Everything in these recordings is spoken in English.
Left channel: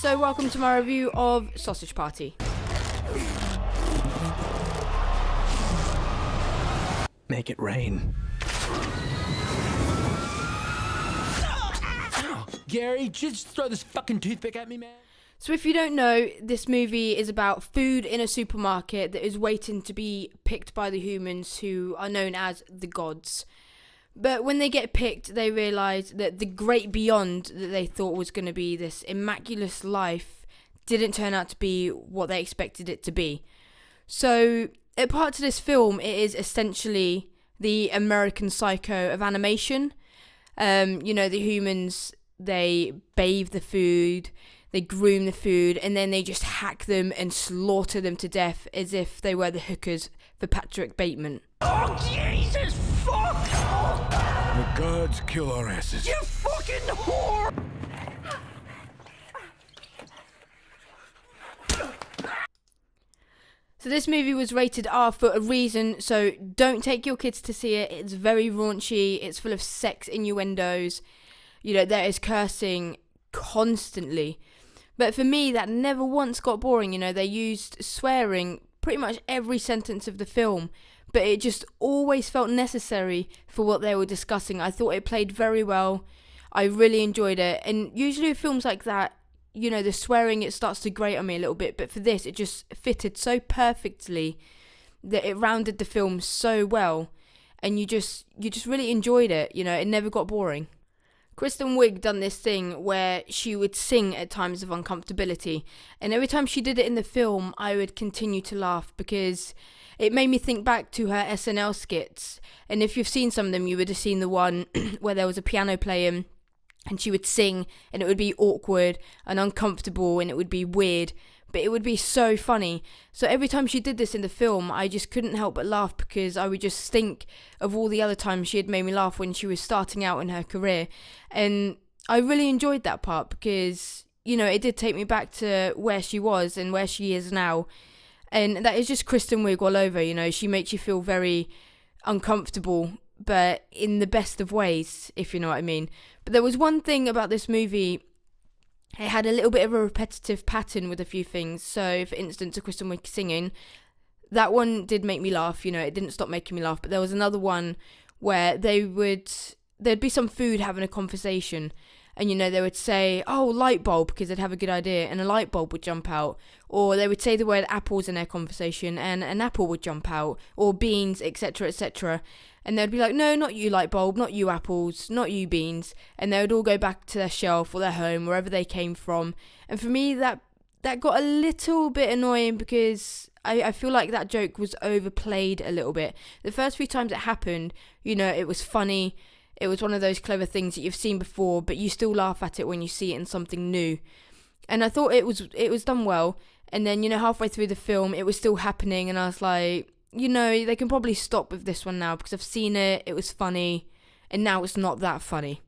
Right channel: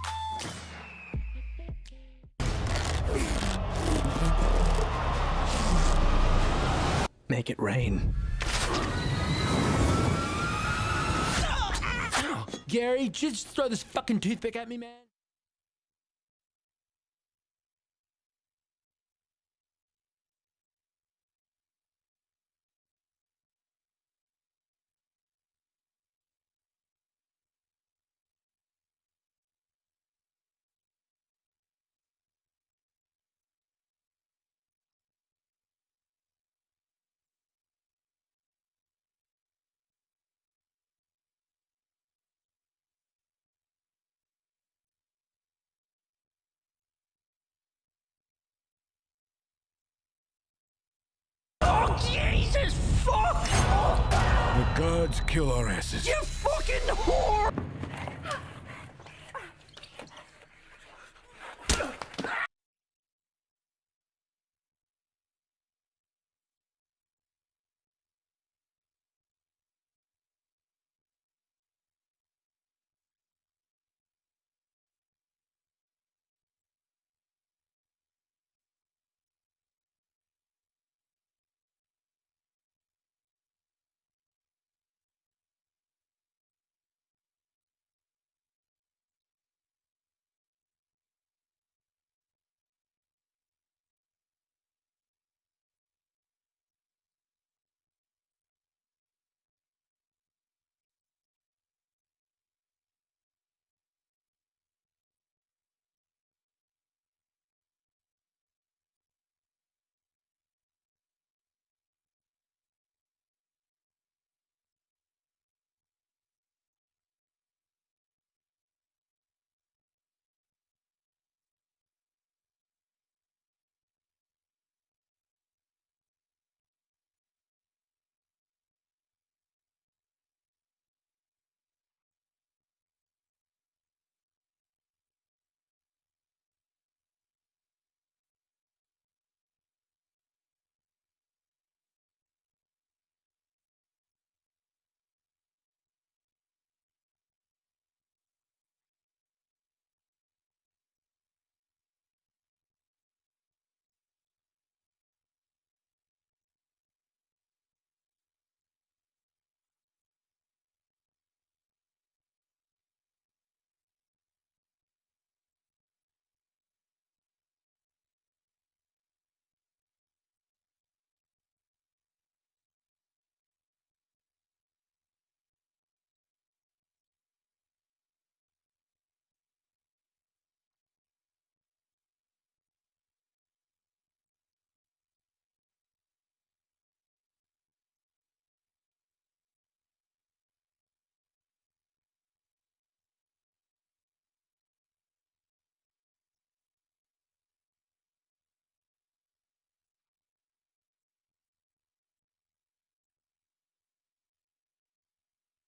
So welcome to my review of Sausage Party. Make it rain. Gary, just throw this fucking toothpick at me, man. So if you don't know, this movie is about food in a supermarket that is waiting to be picked by the humans who are known as the gods. But when they get picked, they realise that the great beyond that they thought was going to be this immaculate life didn't turn out to be what they expected it to be. So, a part to this film, it is essentially the American Psycho of animation. The humans, they bathe the food, they groom the food, and then they just hack them and slaughter them to death as if they were the hookers for Patrick Bateman. Oh, Jesus, fuck! The gods kill our asses. You fucking whore! So this movie was rated R for a reason, so don't take your kids to see it. It's very raunchy, it's full of sex innuendos, there is cursing constantly. But for me, that never once got boring, they used swearing pretty much every sentence of the film, but it just always felt necessary for what they were discussing. I thought it played very well, I really enjoyed it, and usually with films like that, the swearing, it starts to grate on me a little bit, but for this, it just fitted so perfectly that it rounded the film so well, and you just really enjoyed it, it never got boring. Kristen Wiig done this thing where she would sing at times of uncomfortability, and every time she did it in the film, I would continue to laugh because it made me think back to her SNL skits, and if you've seen some of them, you would have seen the one where there was a piano playing, and she would sing, and it would be awkward and uncomfortable, and it would be weird, but it would be so funny. So every time she did this in the film, I just couldn't help but laugh because I would just think of all the other times she had made me laugh when she was starting out in her career. And I really enjoyed that part because, it did take me back to where she was and where she is now. And that is just Kristen Wiig all over, she makes you feel very uncomfortable, but in the best of ways, if you know what I mean. But there was one thing about this movie, it had a little bit of a repetitive pattern with a few things. So, for instance, a Kristen Wiig singing, that one did make me laugh, it didn't stop making me laugh. But there was another one where there'd be some food having a conversation, and they would say, oh, light bulb, because they'd have a good idea, and a light bulb would jump out. Or they would say the word apples in their conversation, and an apple would jump out, or beans, etc., etc. And they'd be like, no, not you light bulb, not you apples, not you beans. And they would all go back to their shelf or their home, wherever they came from. And for me, that got a little bit annoying because I feel like that joke was overplayed a little bit. The first few times it happened, it was funny. It was one of those clever things that you've seen before, but you still laugh at it when you see it in something new. And I thought it was done well. And then, halfway through the film, it was still happening. And I was like, they can probably stop with this one now because I've seen it, it was funny, and now it's not that funny.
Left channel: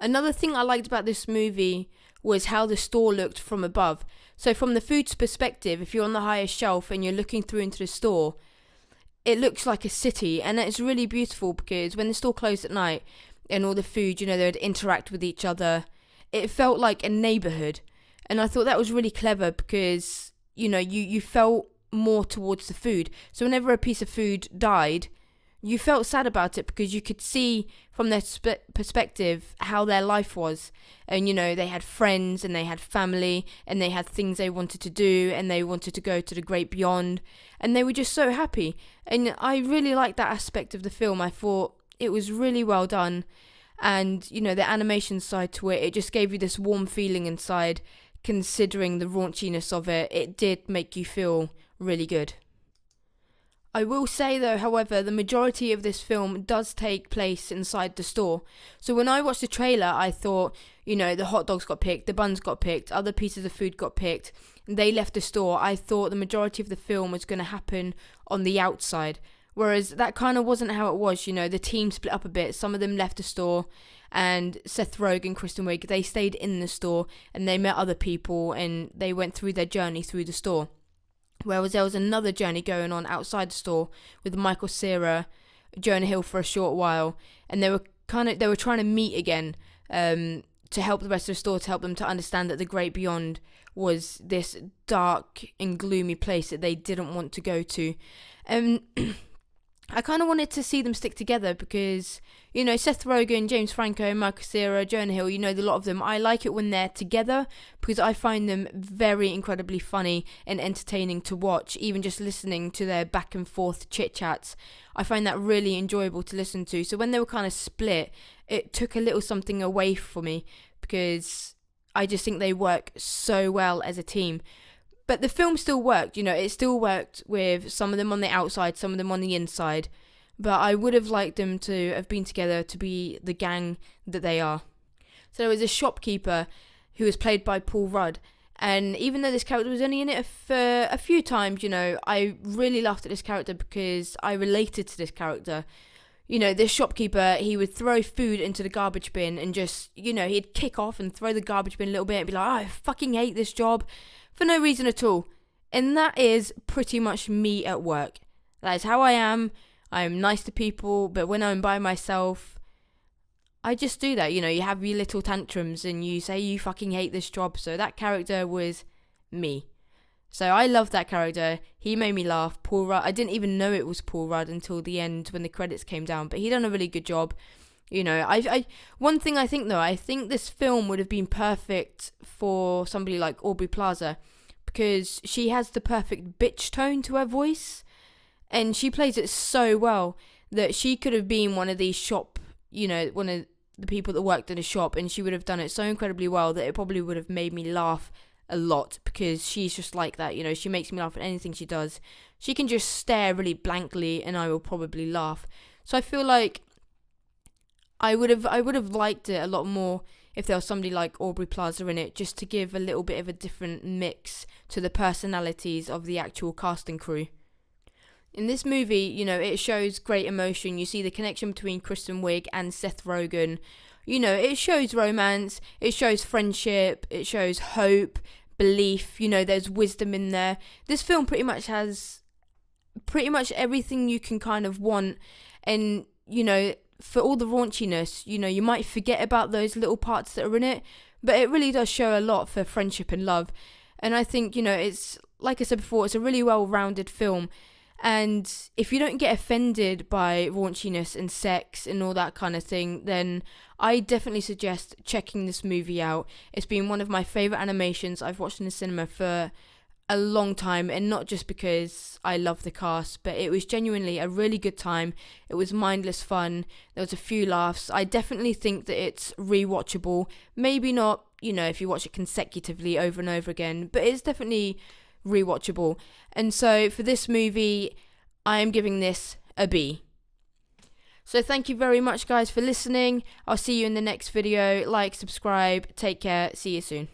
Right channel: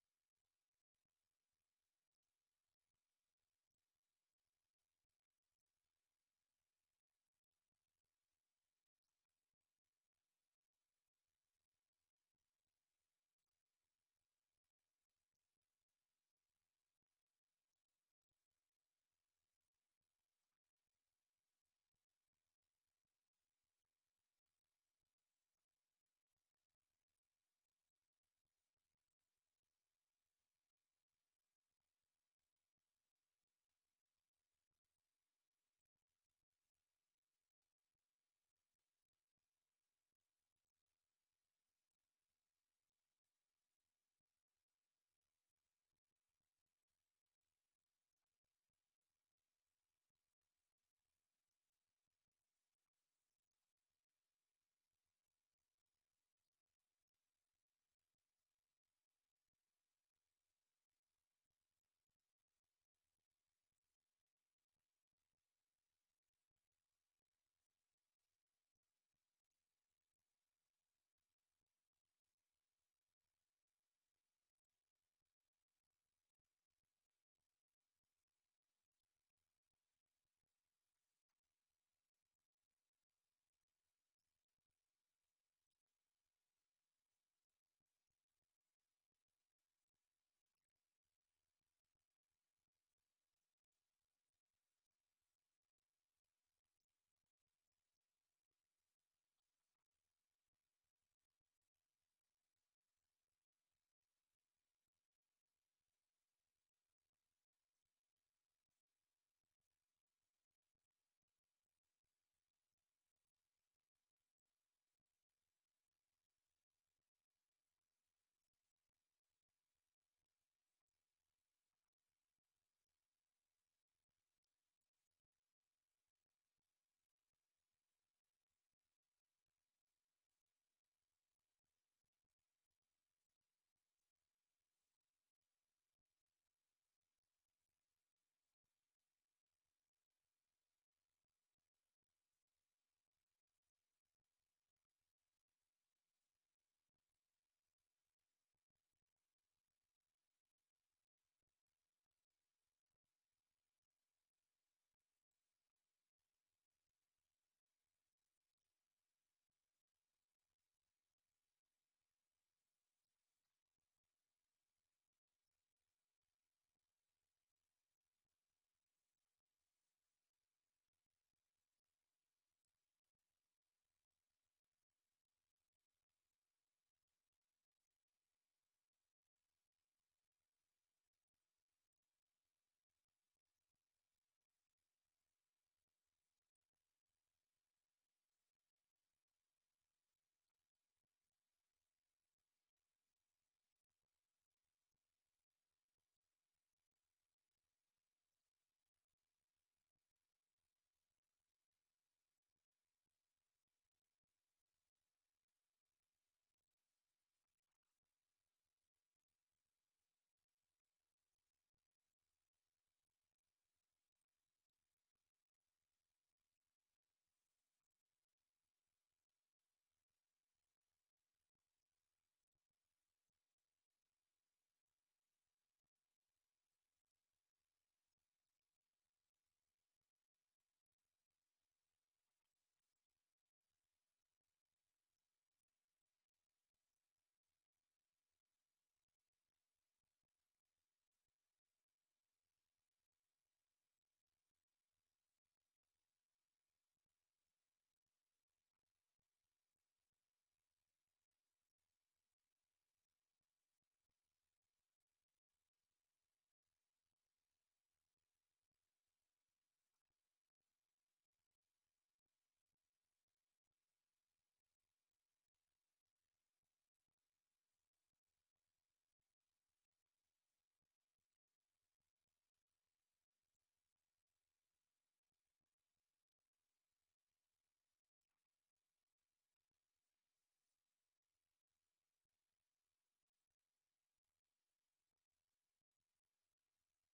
Another thing I liked about this movie was how the store looked from above. So from the food's perspective, if you're on the highest shelf and you're looking through into the store, it looks like a city, and it's really beautiful because when the store closed at night and all the food, they would interact with each other, it felt like a neighbourhood. And I thought that was really clever because, you felt more towards the food. So whenever a piece of food died, you felt sad about it because you could see from their perspective how their life was. And, they had friends and they had family and they had things they wanted to do and they wanted to go to the great beyond. And they were just so happy. And I really liked that aspect of the film. I thought it was really well done. And, the animation side to it, it just gave you this warm feeling inside. Considering the raunchiness of it, it did make you feel really good. I will say though, however, the majority of this film does take place inside the store. So when I watched the trailer, I thought, the hot dogs got picked, the buns got picked, other pieces of food got picked, and they left the store. I thought the majority of the film was going to happen on the outside. Whereas that kind of wasn't how it was, the team split up a bit. Some of them left the store, and Seth Rogen, Kristen Wiig, they stayed in the store and they met other people and they went through their journey through the store. Whereas there was another journey going on outside the store with Cera, Jonah Hill for a short while, and they were trying to meet again to help the rest of the story, to help them to understand that the great beyond was this dark and gloomy place that they didn't want to go to. I kind of wanted to see them stick together because, you know, Seth Rogen, James Franco, Michael Cera, Jonah Hill, you know, a lot of them. I like it when they're together because I find them very incredibly funny and entertaining to watch. Even just listening to their back and forth chit chats, I find that really enjoyable to listen to. So when they were kind of split, it took a little something away from me because I just think they work so well as a team. But the film still worked, you know, it still worked with some of them on the outside, some of them on the inside. But I would have liked them to have been together to be the gang that they are. So there was a shopkeeper who was played by Paul Rudd. And even though this character was only in it for a few times, you know, I really laughed at this character because I related to this character. You know, this shopkeeper, he would throw food into the garbage bin and just, you know, he'd kick off and throw the garbage bin a little bit and be like, oh, I fucking hate this job. For no reason at all. And that is pretty much me at work. That is how I am. I am nice to people, but when I'm by myself, I just do that. You know, you have your little tantrums and you say you fucking hate this job. So that character was me. So I love that character. He made me laugh. Paul Rudd. I didn't even know it was Paul Rudd until the end when the credits came down, but he done a really good job. You know, I one thing I think though, I think this film would have been perfect for somebody like Aubrey Plaza because she has the perfect bitch tone to her voice and she plays it so well that she could have been one of these shop, you know, one of the people that worked in a shop, and she would have done it so incredibly well that it probably would have made me laugh a lot because she's just like that, you know, she makes me laugh at anything she does. She can just stare really blankly and I will probably laugh. So I feel like I would have liked it a lot more if there was somebody like Aubrey Plaza in it, just to give a little bit of a different mix to the personalities of the actual cast and crew. In this movie, you know, it shows great emotion. You see the connection between Kristen Wiig and Seth Rogen. You know, it shows romance, it shows friendship, it shows hope, belief, you know, there's wisdom in there. This film pretty much has pretty much everything you can kind of want, and, you know, for all the raunchiness, you know, you might forget about those little parts that are in it, but it really does show a lot for friendship and love. And I think, you know, it's, like I said before, it's a really well-rounded film. And if you don't get offended by raunchiness and sex and all that kind of thing, then I definitely suggest checking this movie out. It's been one of my favourite animations I've watched in the cinema for a long time, and not just because I love the cast, but it was genuinely a really good time. It was mindless fun. There was a few laughs. I definitely think that it's rewatchable. Maybe not, you know, if you watch it consecutively over and over again, but it's definitely rewatchable. And so for this movie, I am giving this a B. So thank you very much, guys, for listening. I'll see you in the next video. Like, subscribe, take care, see you soon.